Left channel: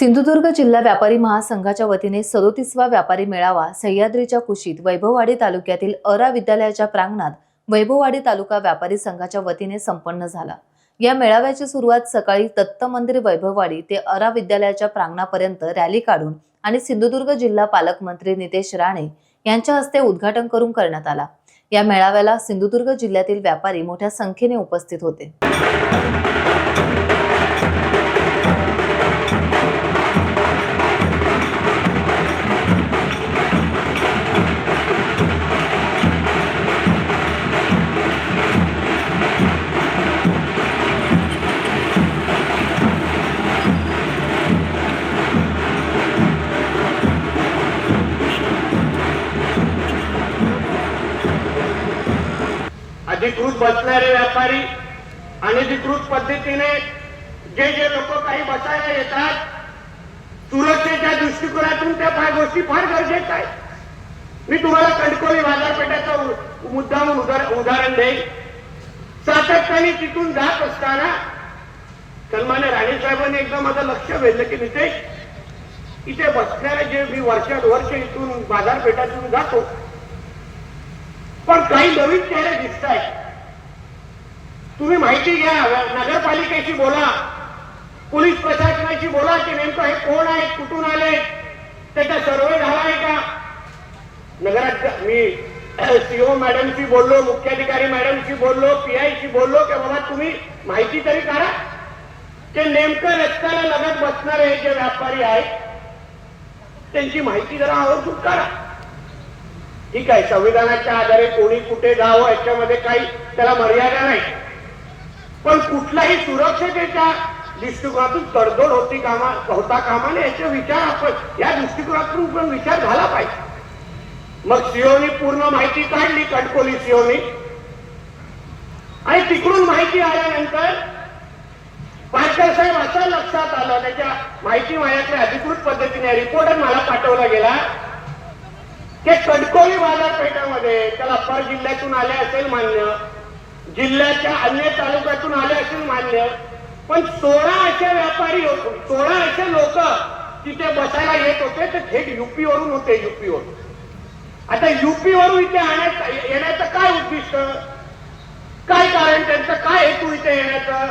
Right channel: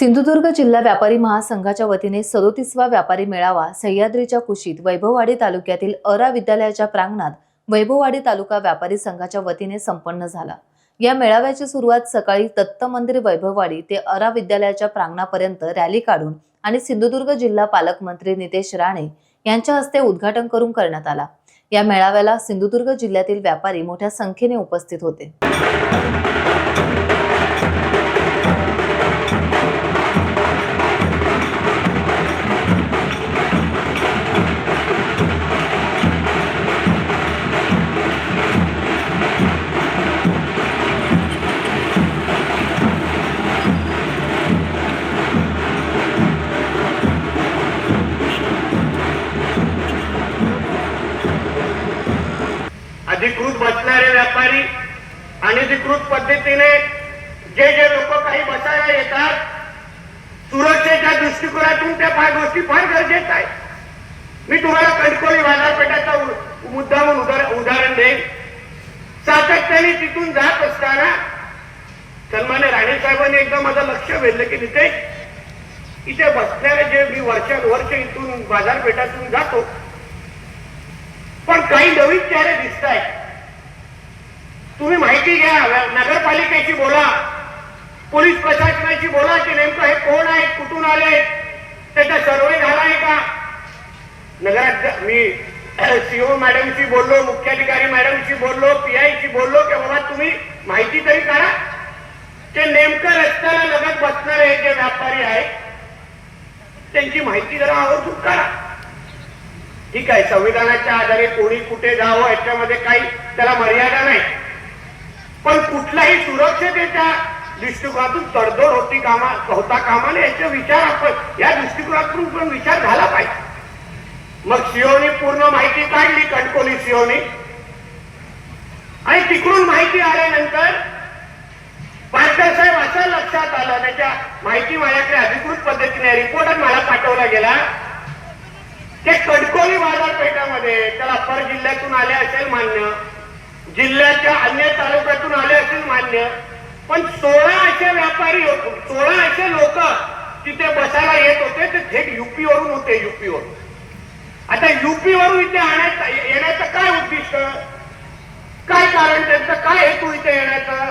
सिंधुदुर्ग जिल्हा व्यापारी महासंघाच्या वतीने 37वा व्यापारी मेळावा सह्याद्रीच्या कुशीत वैभववाडी तालुक्यातील अरा विद्यालयाच्या प्रांगणात वैभववाडी तालुका व्यापारी संघाच्या वतीने संपन्न झाला। या मेळाव्याची सुरुवात सकाळी दत्त मंदिर वैभववाडी ते अरा विद्यालयाच्या प्रांगणापर्यंत रॅली काढून आणि सिंधुदुर्ग जिल्हा पालकमंत्री नितेश राणे यांच्या हस्ते उद्घाटन करून करण्यात आला। या मेळाव्याला सिंधुदुर्ग जिल्ह्यातील व्यापारी मोठ्या संख्येने उपस्थित होते। अधिकृत बसणारे व्यापारी अनधिकृत पद्धतीने जे लोक काही बसायला येतात, सुरक्षेच्या दृष्टिकोनातून त्या गोष्टी फार गरजेच्या आहेत। मी तुम्हाला कणकोली बाजारपेठाचा मुद्दाम उदाहरण देईन। सातत्याने तिथून जात असताना सन्मान्य राणे साहेबांनी एकदा माझं लक्ष वेधलं की नितेश, इथे बसणारे जे मी वर्ष इथून बाजारपेठातून जातो, पण काही नवीन चेहरे दिसत आहेत। तुम्ही माहिती घ्या, नगरपालिकेशी बोला, पोलीस प्रशासनाशी बोला की नेमकं हे कोण आहे, कुठून आले, त्याचा सर्वे झाला आहे का। नगरात मी सीओ मॅडमशी बोललो, मुख्याधिकारी मॅडमशी बोललो, पीआयशी बोललो की बाबा तुम्ही माहिती तरी काढा की नेमकं रस्त्याला लगत बसणारे जे व्यापारी आहेत त्यांची माहिती जरा आवर्जून काढा। ठीक आहे, संविधानाच्या आधारे कोणी कुठे जावं याच्यामध्ये काही त्याला मर्यादा नाही, पण कुठल्याही सुरक्षतेच्या दृष्टिकोनातून तडजोड होता कामा नये याचा विचार आपण या दृष्टिकोनातून पण विचार झाला पाहिजे। मग सीओनी पूर्ण माहिती काढली, कणकोली सीओनी, आणि तिकडून माहिती आल्यानंतर पारकर साहेब असं लक्षात आलं, त्याच्या माहिती माझ्याकडे अधिकृत पद्धतीने रिपोर्ट मला पाठवला गेला ते कणकोली बाजारपेठामध्ये त्याला पर जिल्ह्यातून आले असेल मान्य, जिल्ह्याच्या अन्य तालुक्यातून आले असेल मान्य, पण 16 असे व्यापारी, 16 असे लोक तिथे बसायला येत होते, ते थेट युपी वरून होते, युपी वरून। आता युपी वरून इथे येण्याचं काय उद्दिष्ट, काय कारण, त्यांचं काय हेतू इथे येण्याचं,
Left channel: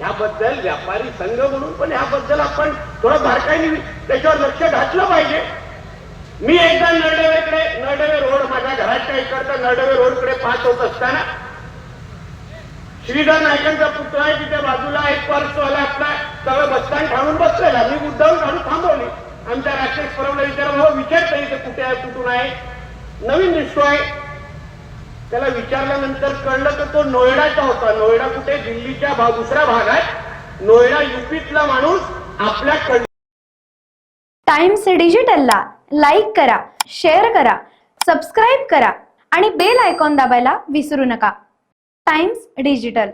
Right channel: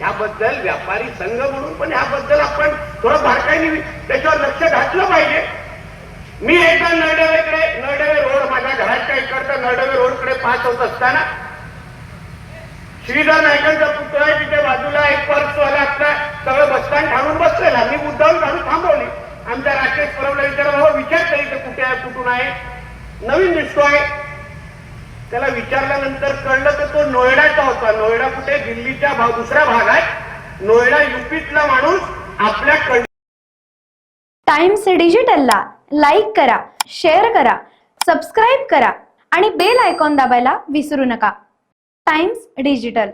याबद्दल व्यापारी संघ म्हणून पण याबद्दल आपण थोडं बारकाईने त्याच्यावर लक्ष घातलं पाहिजे। मी एकदा नरडवे रोड, माझ्या घराच्या इकडचं नरडवे रोडकडे पास होत असताना श्रीधर नायकांचा पुतळा आहे, तिथे बाजूला एक पर्सवाला आपला तळ बसताना थांबून बसलेला, मी मुद्दाम काढून थांबवली। आमच्या राकेश परवला विचारता इथे कुठे कुठून आहे, नवीन दिसतोय, त्याला विचारल्यानंतर कळलं तर तो नोएडाचा होता। नोएडा कुठे, दिल्लीच्या दुसरा भाग आहे, नोएडा युपीतला माणूस आपल्या टाइम्स डिजिटलला लाईक करा, शेअर करा, सबस्क्राईब करा आणि बेल आयकॉन दाबायला विसरू नका। Times digital.